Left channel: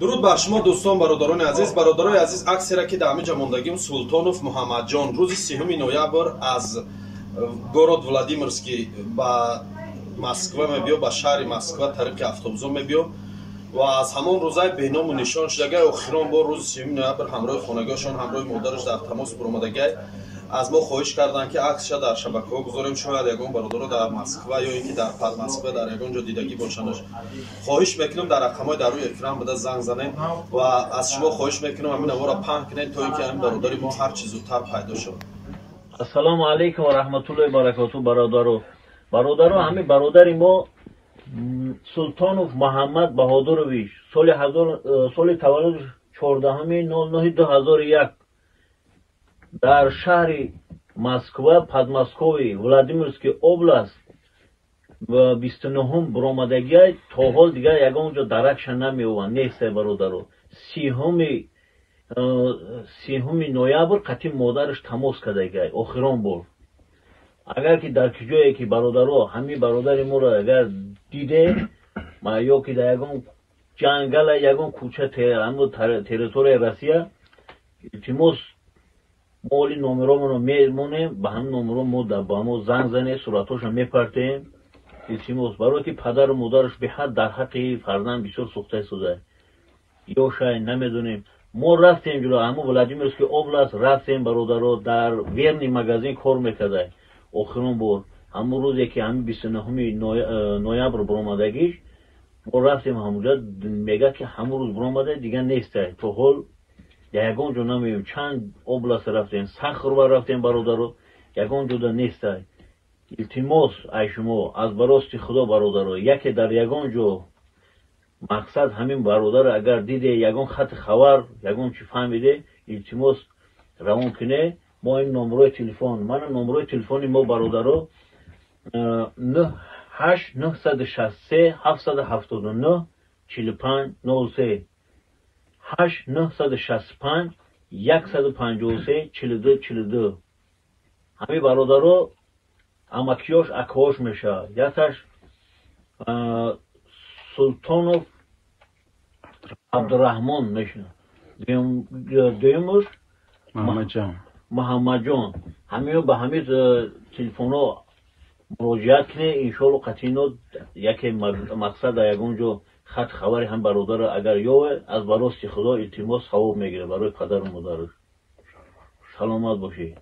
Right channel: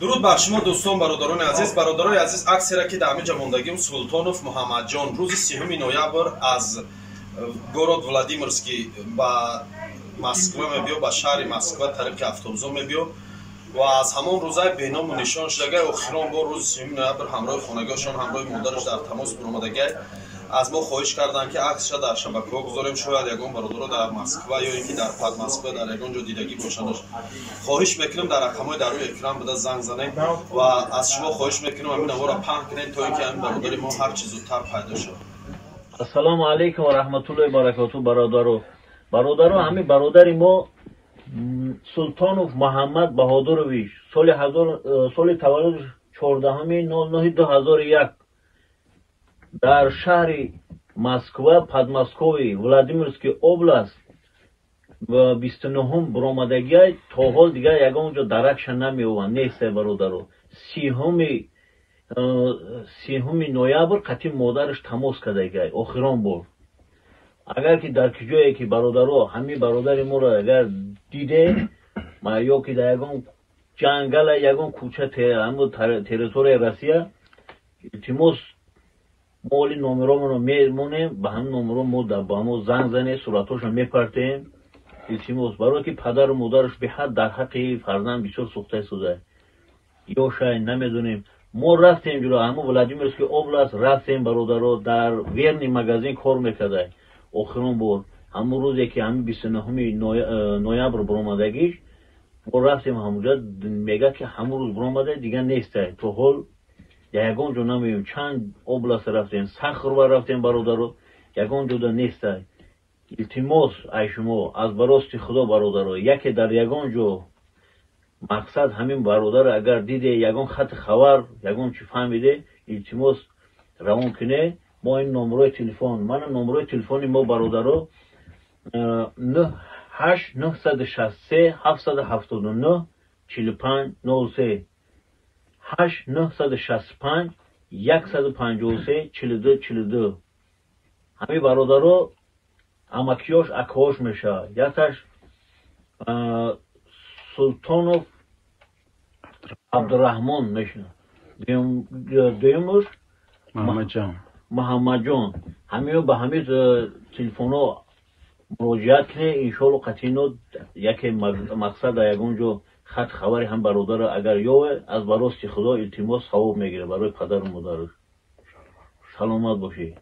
درود بر شما دوستان برادران عزیز. برادرای عزیز، عکسی را که در همینجا موندگیم سلطانوف محمد جان روز 3 نوامبر از گورод ولادیمیرسکی به مسکو میبیو، به شهر مسکو طریق اتوبوس میبیو و از همان روزای بینام و نشان شدگی اخیران با روز 3 نوامبر همراه خانگاشان همراه مادرش در تماس برآمدگی از ما خواهش کردند که عکسش در شبکه‌ها گذاریم. شاید یگان برادر در مسکو یا اینکه در پد مسکو در یگان جا دیدگی باشند. خواهش میکنم در رقم‌های در روی اکران بده زنگ زنید و از شما خواهش میکنم همین آوا را پهن کنید تا اینکه همین برادر ما هر چیز زودتر پیدا شد. السلام علیکم و رحمت الله و برکاته. برادرو همین برادر ما سلطانوف محمد بهادرویچ سال تولد 14/09/2001 در شهر مسکو پدماسکوی ولادیمیرسکی область و 29 برآمدگی تا حال دیگه یگان اونجا درکش نمیوان نیست. برادرو 3 نوامبر قطعی مادرش تماس کرده آخران بار. اگر که در کجایی که برادرو همین برادر ما را اگر دیده ما یا که در یگان جنگل یگان کوچه همون تریتوری روسیه التماس مولی نمرمون رو میمونیم به هم نمرو ما با ما زنگ زنه صورتاش رو میپرتیم التماس برای که پدر و مادرش به حد در حق فرزند بسیار سوخته شده یا شاید نمیدونیم. ما رفتیم جلو همون ولادیمیرسکی область رفتیم برادرو در ورنی مغازین کار میکرده آخرون بار همون روزی که همون 29 نوامبر برآمدگیش ما رفتیم همونجا میگه که همون روز برآمده دیگه نیسته تو حال یگان جو نمیم چند область رفتیم سخر و رفتیم برادرو یگان جو در نیسته. التماس ای شما از براست خدا برادرو یکی در یگان جو مقصد همین برادر اگر دیده یگان خط خبر یگان چی فهمیده التماس روان کنه ما این نمره تلفن من نمره تلفنی ما برادرو 8 963 779 45 93 8 965 153 42 42 همین برادرو امکیاش اکاش میشه. یکش سلطانوف عبدالرحمن میشه دیمش محمد جان همین به همین تلفن ها مراجعت کنه انشالله قطعی یکی مقصد یگان جو خط خبری هم برادر اگر یا از براست خدا التماس ثواب میگیره برای پدر و مادرش. سلامت باشی.